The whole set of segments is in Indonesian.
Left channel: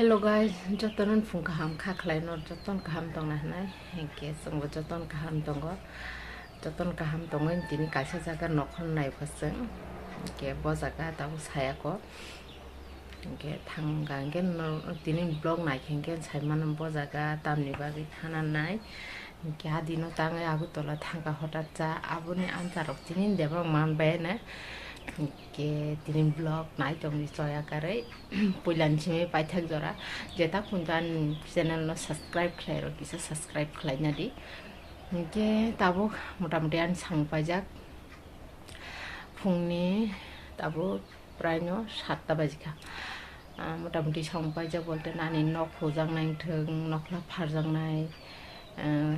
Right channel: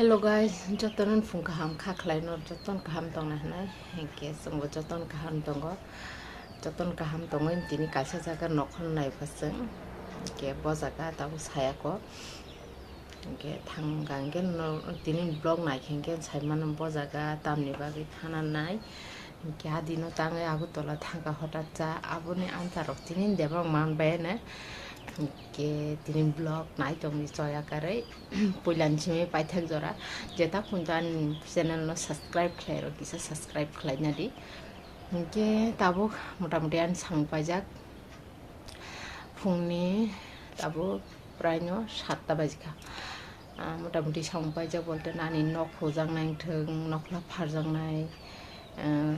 Hello guys, jotonon phung kaham khaklai no joton kaham tong na na ke sangbo joton kaham tongo tini kaisa jaga nokhon nai phaseng ke bo jaga tabu saya ko ke thanggang gen no tini blog nai khenggen saiman bo jaga tamni bagi thana nai ke adino tangai agu tola thangka hotat cha abuni antarok tini debang man bai na ke tini blog nai tong soya kare pulan sime paithak jora jeta punjan channel no subscribe khlairo kisa subscribe khlaina di ke tabo motamuti an sangpajak phungni tabo prai no 7টা bajika motamuti sangpajak bolte nani nok khojang nai thong nokla pharjang nai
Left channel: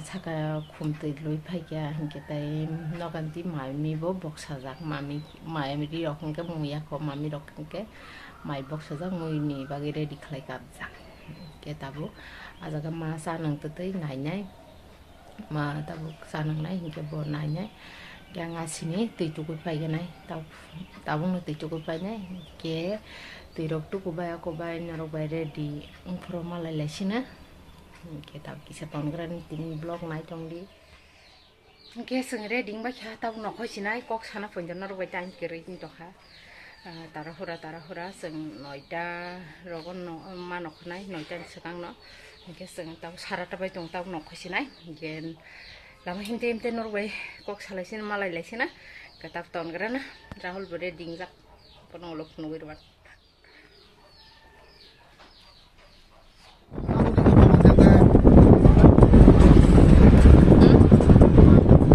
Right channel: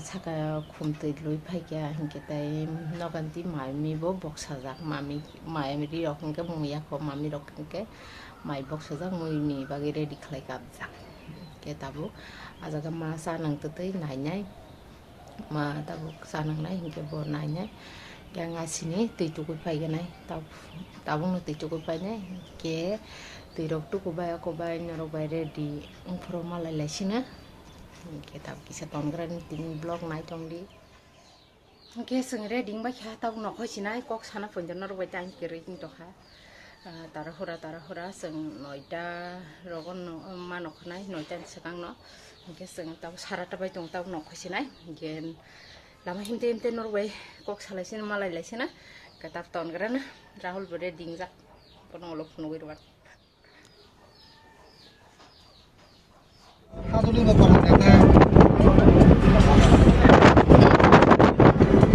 saka khumtui lui phaikya hingke tai noganti maimi bo boksajak mami ri rokke muya ko mami rokke mai boksajak muini bagi ready khlai kapjak ke tabu ajaga ma sanang tutui nainai ma tabu sanang nai hingke bo nainai yang asini tui tukui paiganai tabu no tui tukui painai ke tui rok tukubai norok bai ready ungphro malai laisina ke tab kisa tongran tin blog nai tongdi ke sing reading ba kha tab nokhoi sinai kok sana ponjon nor bai time ke reading to kha tara hora sing 9টা rogon no manok nai 9টা sakang no ke sing tab sarata bai tong tab nokhoi sinai gen lama himte nor bai kok salai sin malai laisina ke tab tongran rahul bore ding jak kono lok no bai wat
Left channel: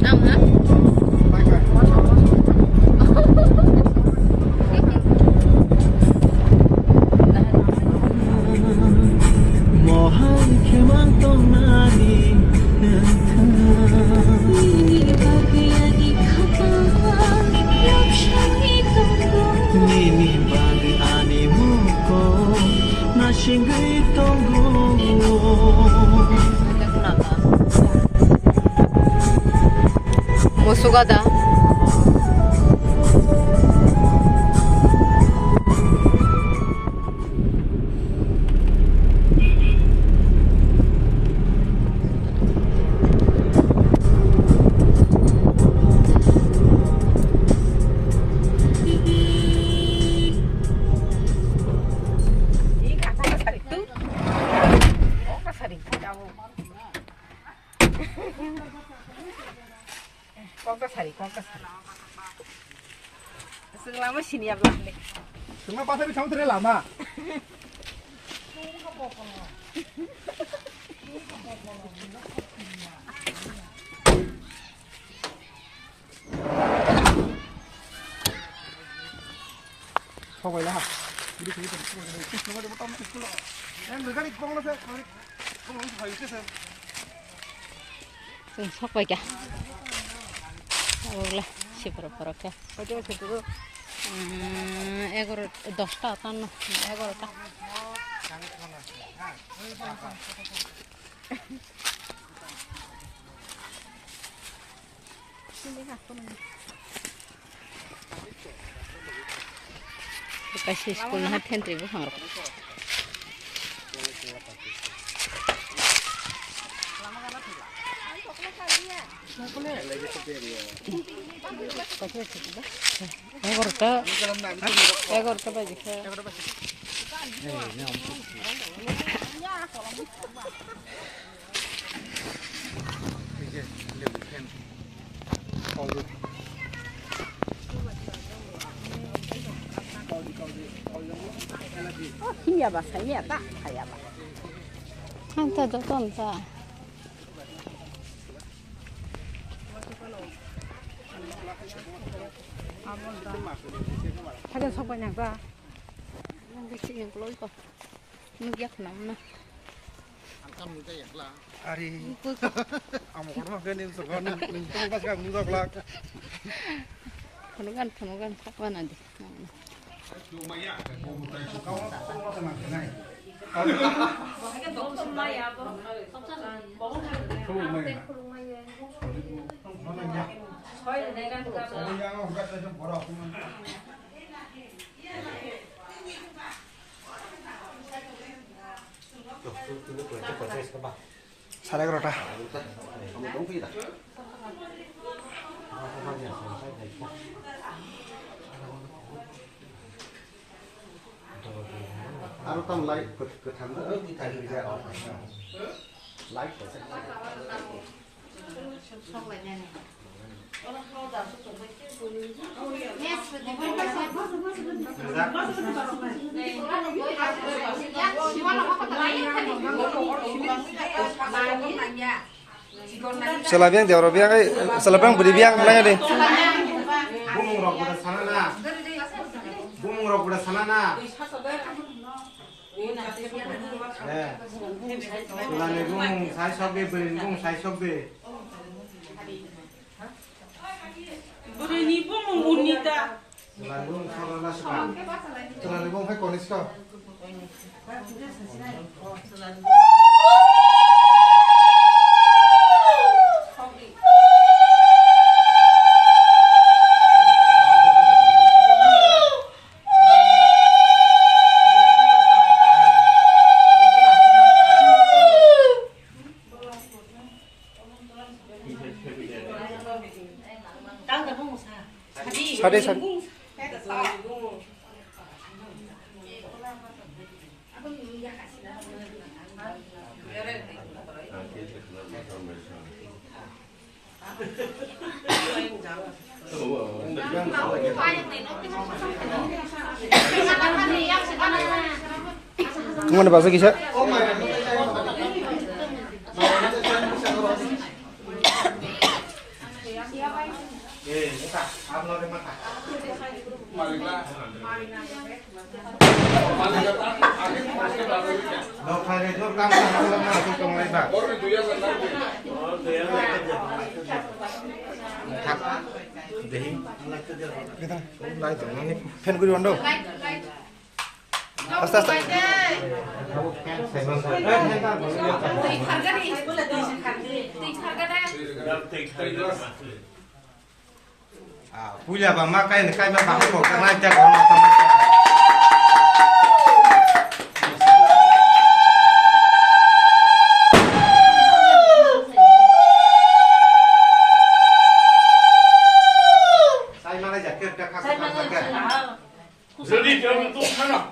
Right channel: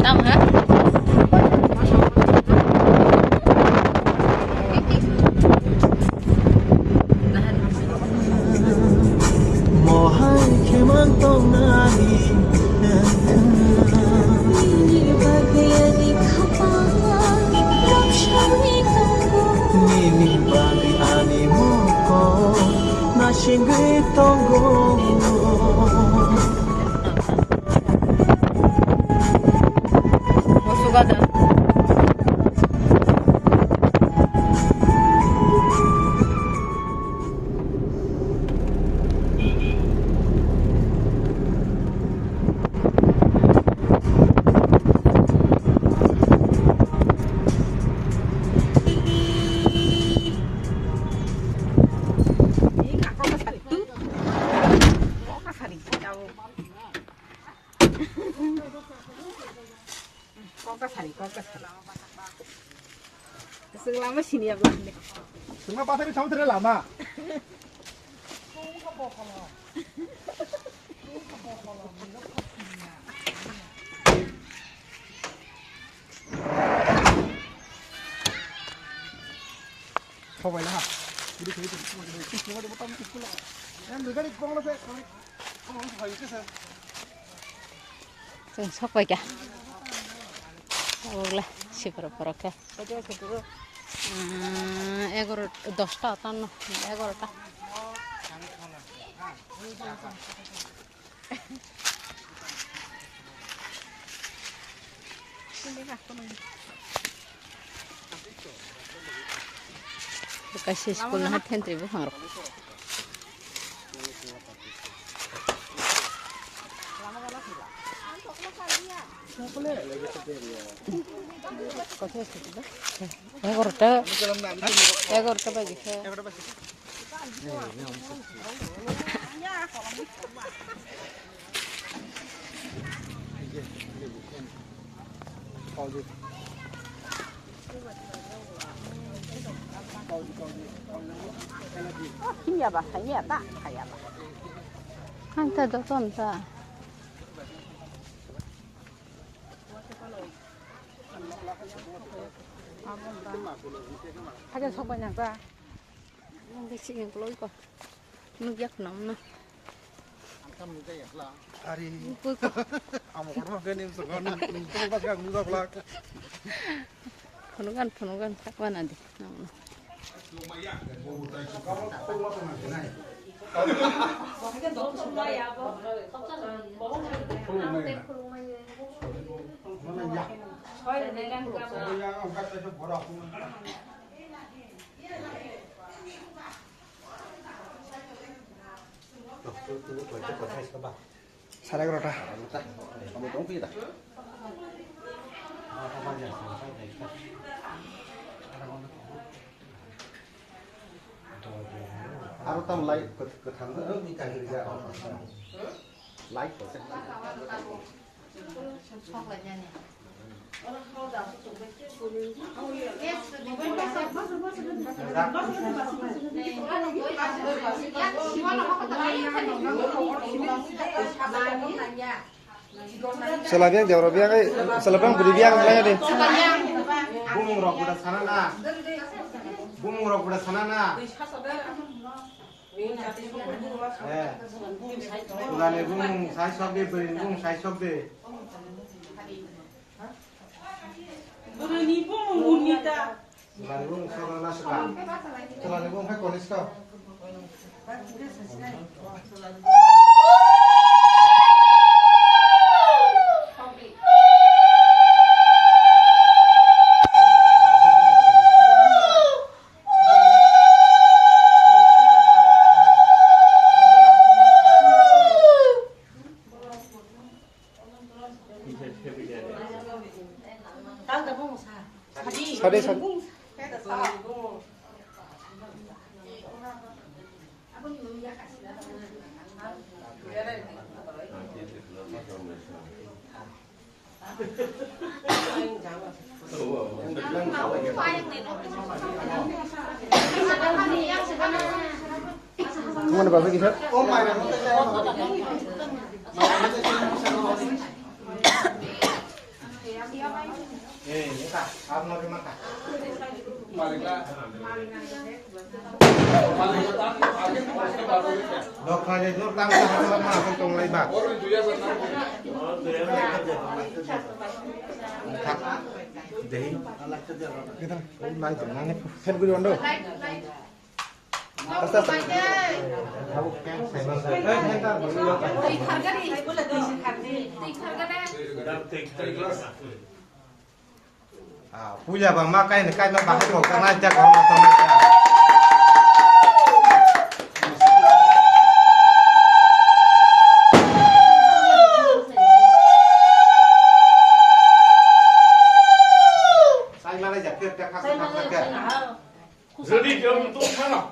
Tam ha? Musugada. Selama sini ya belum. Semua pasar kamu terlalu lama. Coba ya. Jadi semua dia potong itu lah. Yang mereka di kong lah saya. Kong saya itu saya. Sing sok bae ya. Olah, sipro-pro ka. Ojo setu. 10টা 11টা kasih sekolah hatian ribu harap Egorta bagi ini apa saya tak kayak apa anta tonta 하긴 소바냐 봐. 뭔가 지금 글로 이거. 무역 넘나. Angkat muda ya lah. Hari. Amo kono kan ini sekarang nunggu pas kan muda pelak. Penugan sakwan nanti. Lumayan. Salah kereta. Aku tam like ke tanda ni kan dia. Like person. Salah biang dia orang biang salah biang beri biang mulanya deh. Bung rok udah sana na. Bung rok udah sana na. Sulane bung sai sobe beri bung sai sobe. Beri bung unita. Sulane bung soal lah sekarang. Sulane bung hai konis kau. Sade sade. Kemana bahasa kisah? Pen gue diondong. Asta asta. Punya bang makai kai bang kok karena aja kalau saya malah jaket kakak jaket. Jadi dia untuk sana.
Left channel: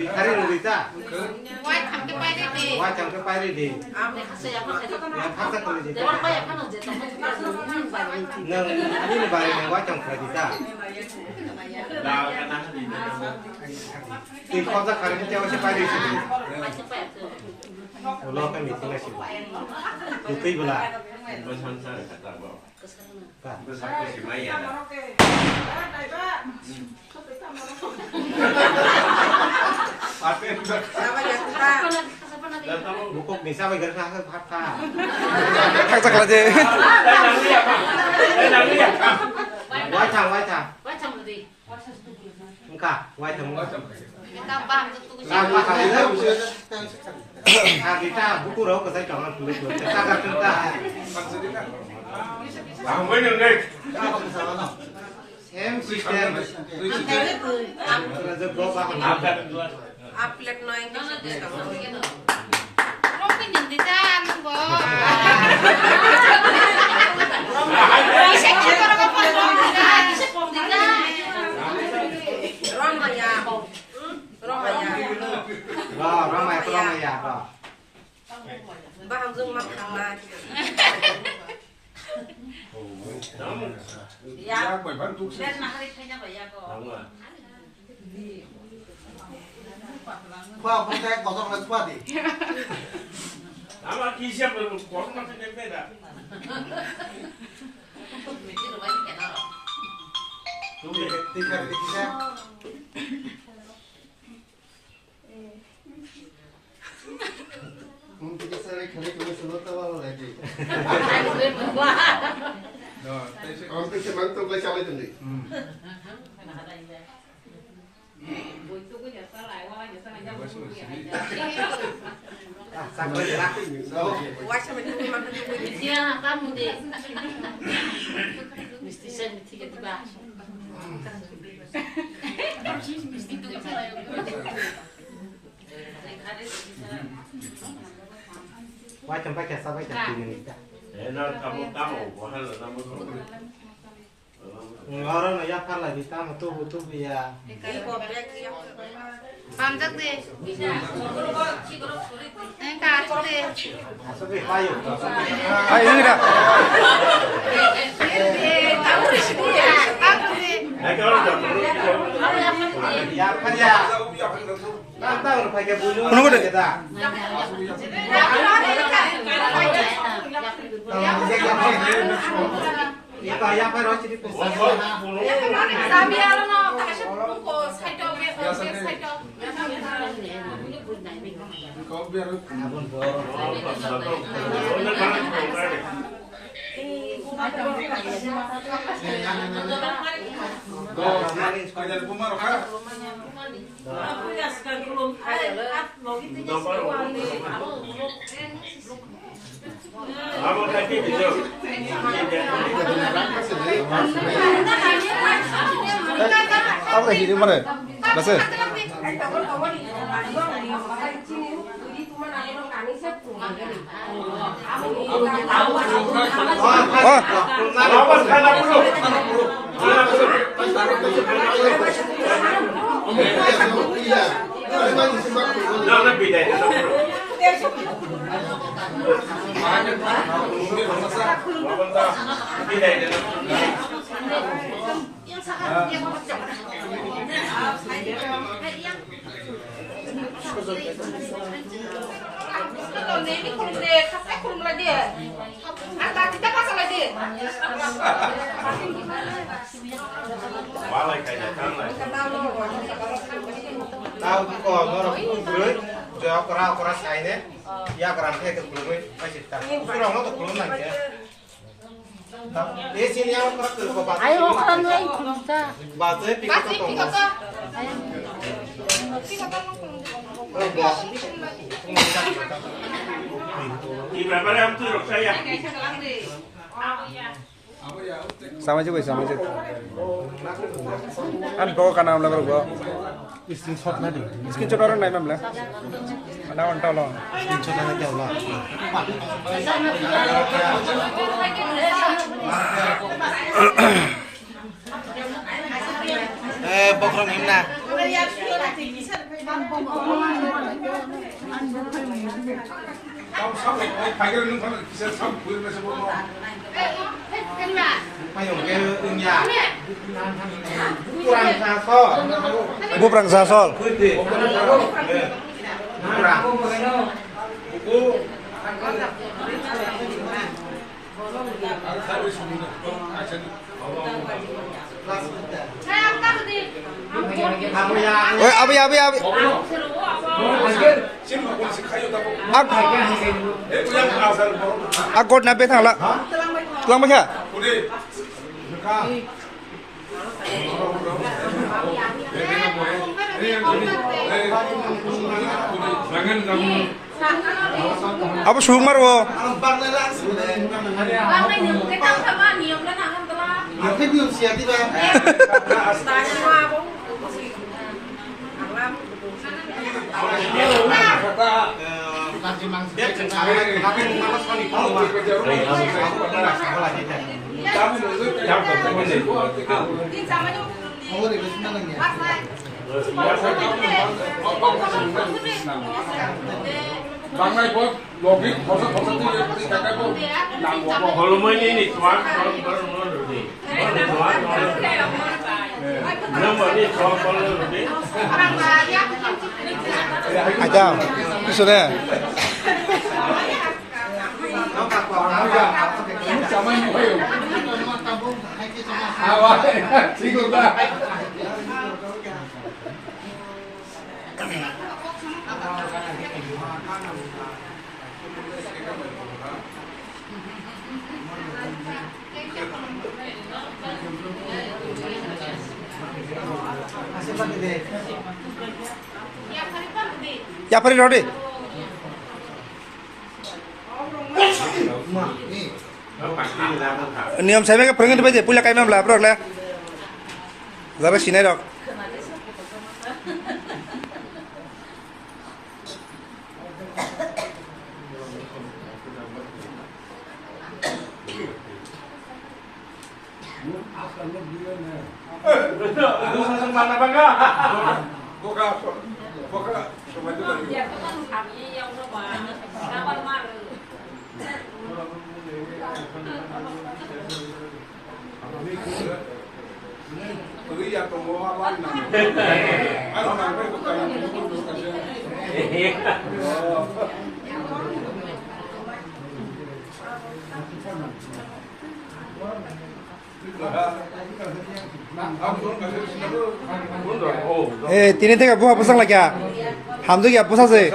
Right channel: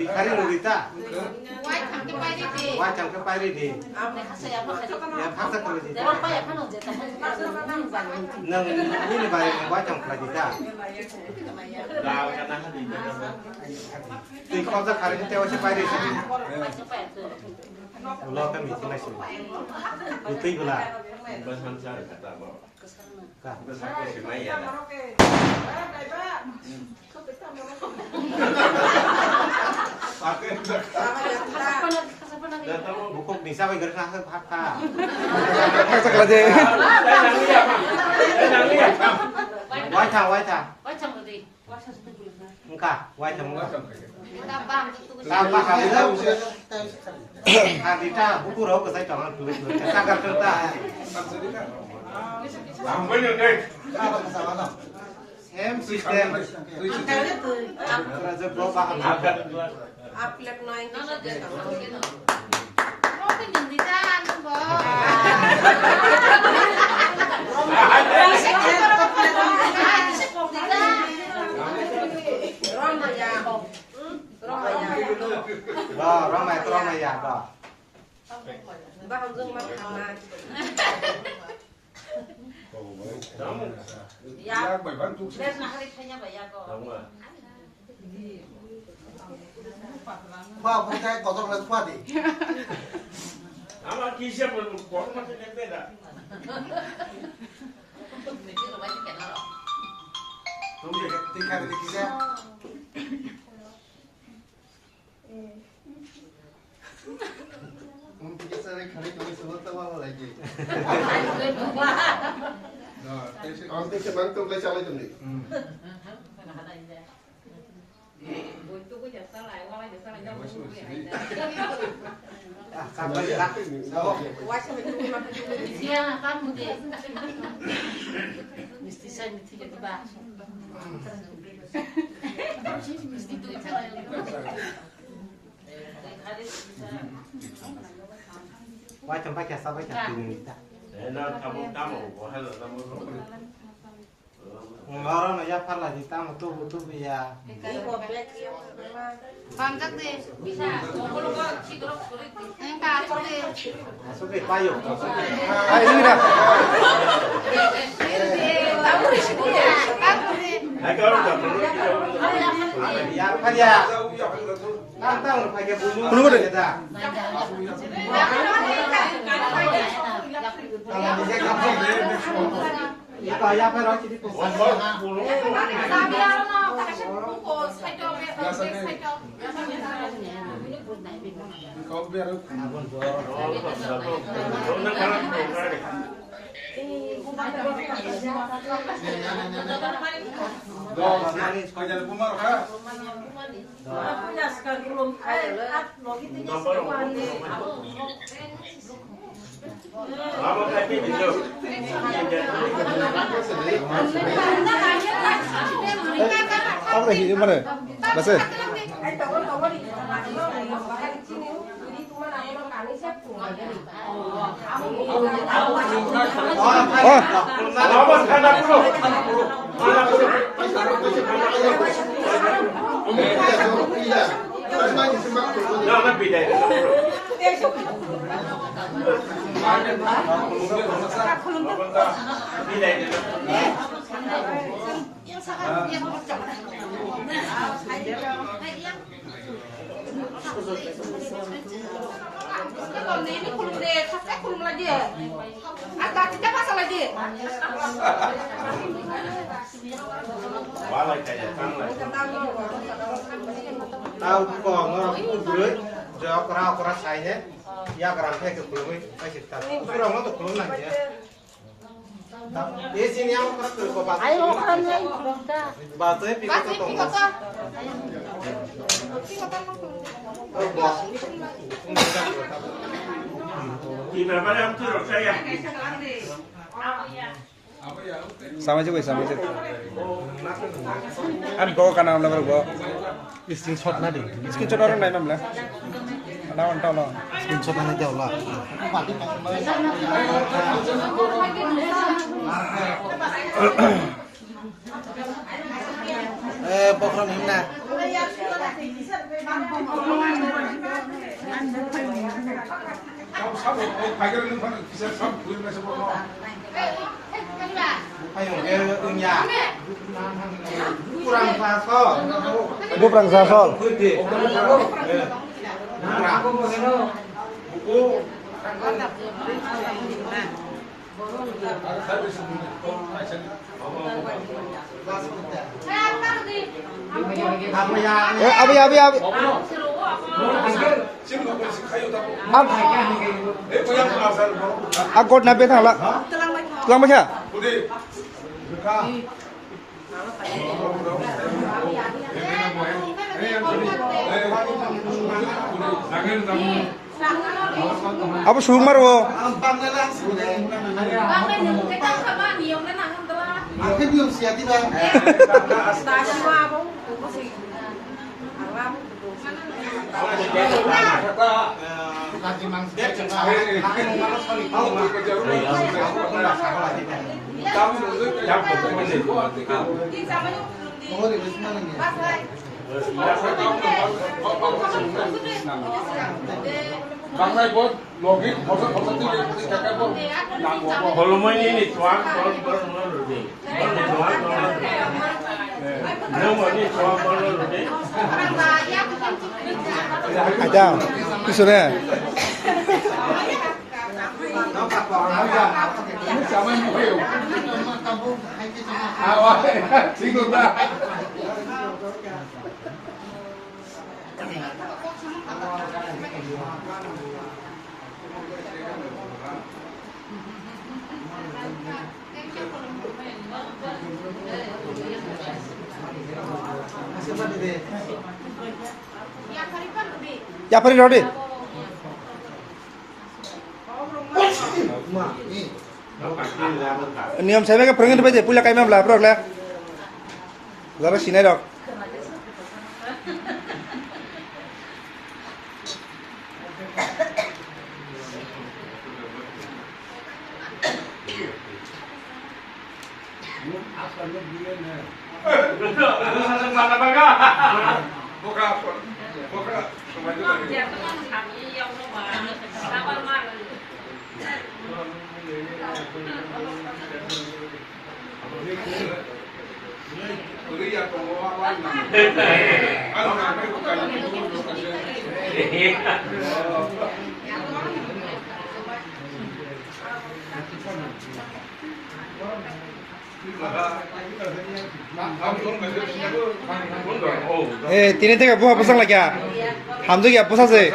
Di kari Lolita. Wajang ke pari di. Ya paksa kalau di. Ini barang wajang Lolita. Dah kena di. Di kota kari kita si pari sini. Ulo kan di sini sih. Itu ibulah. Pesan saya kata bawa. Pesan aku si Maya. Apa yang Buku bisa belajar kakak kata. Haksak aja. Wajang wajang. Wajang berarti. Enggak wajang. Kapan Lama kali lah. Kita buku roh ke saya jangan dulu. Kita kerja. Lama yang baik. Same system. Kerja berapa kan? Akan Aplik noy nono deh kamu gitu. Roki jadi kan, Bo. Wah, ramai ya, Pak. Bang Zung makan lagi. Ya, biar nak hari punya bayar kok. Khoa không trái có trong là khoa đi. Nama kisah berkuat macam yang beda. Thì khai được kia. Không thì sao lại khai cái số tao lại gì. Ông tôi sẽ bán tôi lấy sao lấy từng gì. Wah, sama itu makan itu. Iya, kamu deh. Mesti saya mesti kita bahas. Mesti itu Wah, sampai ke sampai ke sini. Nó tamu của hay là tamu không? Ngarang ya kan lagi tamu tuh betul ya. 감작 돼. 가서 돼. Masuk ke kayu. Ayo ini dah. Này cái đó là Ya kan ya. Mantap pakai bulu. Menunggu deh. Kita. Itu ayah apa harus jadi pusat. Vamos aquí video. Apa dah ini mana? Bahasa. Oh, Vamos kana dulu. Nah, beda itu. Beda itu. Kalau ini kurung deh, kakek kurung lagi ya. Angkat kita pasang lagi. Balai kayak kan lah. Tahu kok orang itu berat. Jawab kera saya ini. Ya kerana itu belum masih tak. Kurang itu belum lagi ya. Di sini yang kerana tu kau batu. Ayo makan lagi kita. Batu pikir tu tong. Di berapa yang tu saya? sama je, sama je. An kau kan nama lepas gua. Screenshot nanti. Screenshot orang naik memang. Mana orang tahu lah. Screenshot nanti Allah. Program himna. Ayo ke dunia. Kurang sasol. Gua perang sasol. Putih. Kurang. Kamu yang Eh, apa ya? Aku nabe thang lah. Tulang macam? Apa suruh marwo? Aku belum siap itu. Bang này bố logik phóng ti cái bố làm của bố Kalau main ini tuan kalau lebih. Tuan belum ini tuan kalau lebih. Aja, tu sudah. sama như vậy à vậy xin lỗi ta Ya, pergi rodi. नियम साहेब का फोरोंगिरि बायदि पुलिया कायमा ब्ला प्रगला जरा सिनाय दक Mana bangga? Buka. Dia kan kami yang rumah. Kenapa marah? Eh, tini tega buah pasang lagi ya. Hamdu ya pasang sih.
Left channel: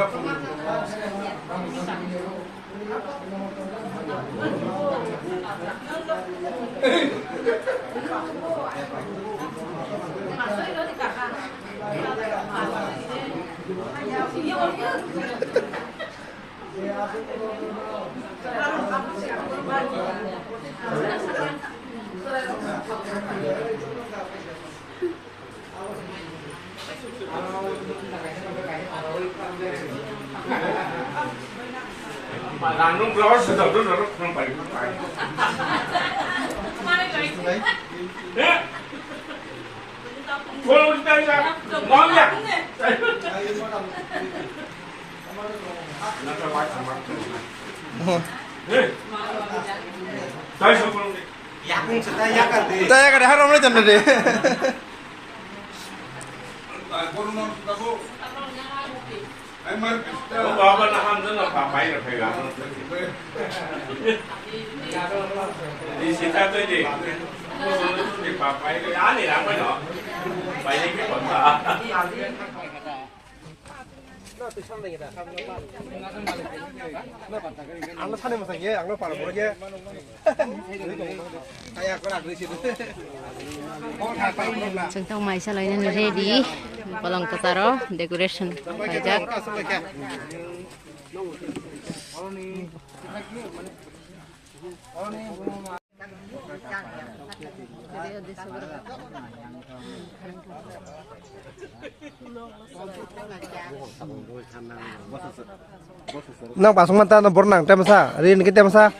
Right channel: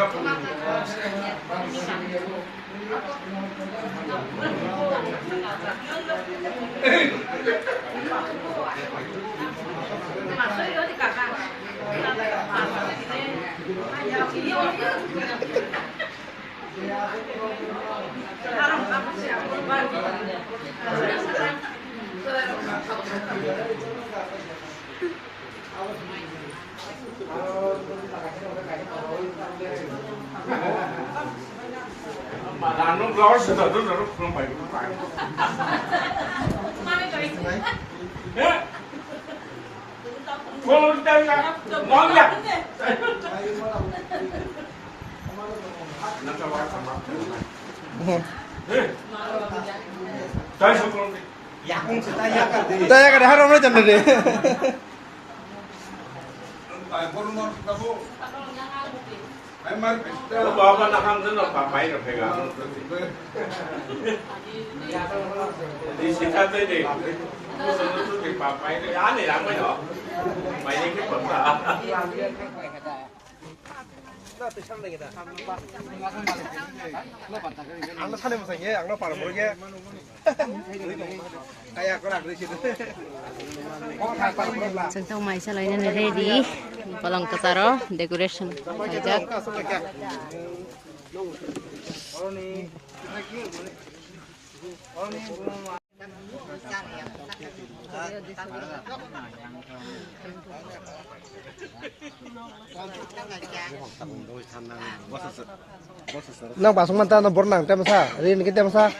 Mà nó lo sự thật rất là không phải. Cô đây là ngon nhỉ? Nó cho quay thằng mặt. Đây số con đi. 약은 진짜 약간 Saya kada haram na janna de. Cô có bên nào rất là phá máy rồi phải gặp. Đi xin ra tới gì? Cô xuống nó đi phá máy cái án này làm cái đó. Mày đi cái quần đó. Ang sana mo sanya, ang para mo ge. Aya ko ra de situ. Oh, tha pa mo la. जों थ' माइ सालायनो रेडि पलंकतार डेकोरेसन बायजाक Nang pasung manta na bornang tem sa, rin kita masa.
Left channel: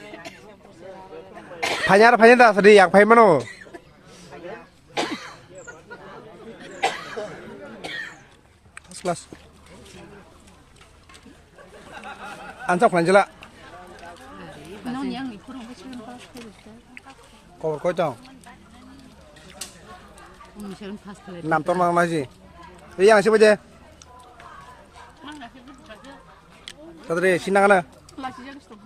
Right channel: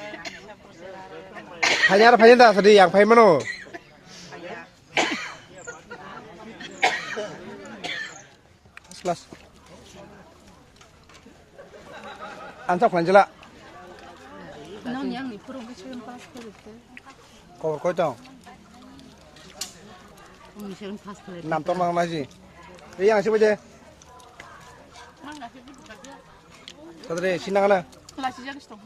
Phanya dah sedih yang phai mano. Kelas. Ansok lanjela. Kau kau cang. Nam ton mang lagi. Yang siapa je? Tadi sinang na. Kelas yang stop.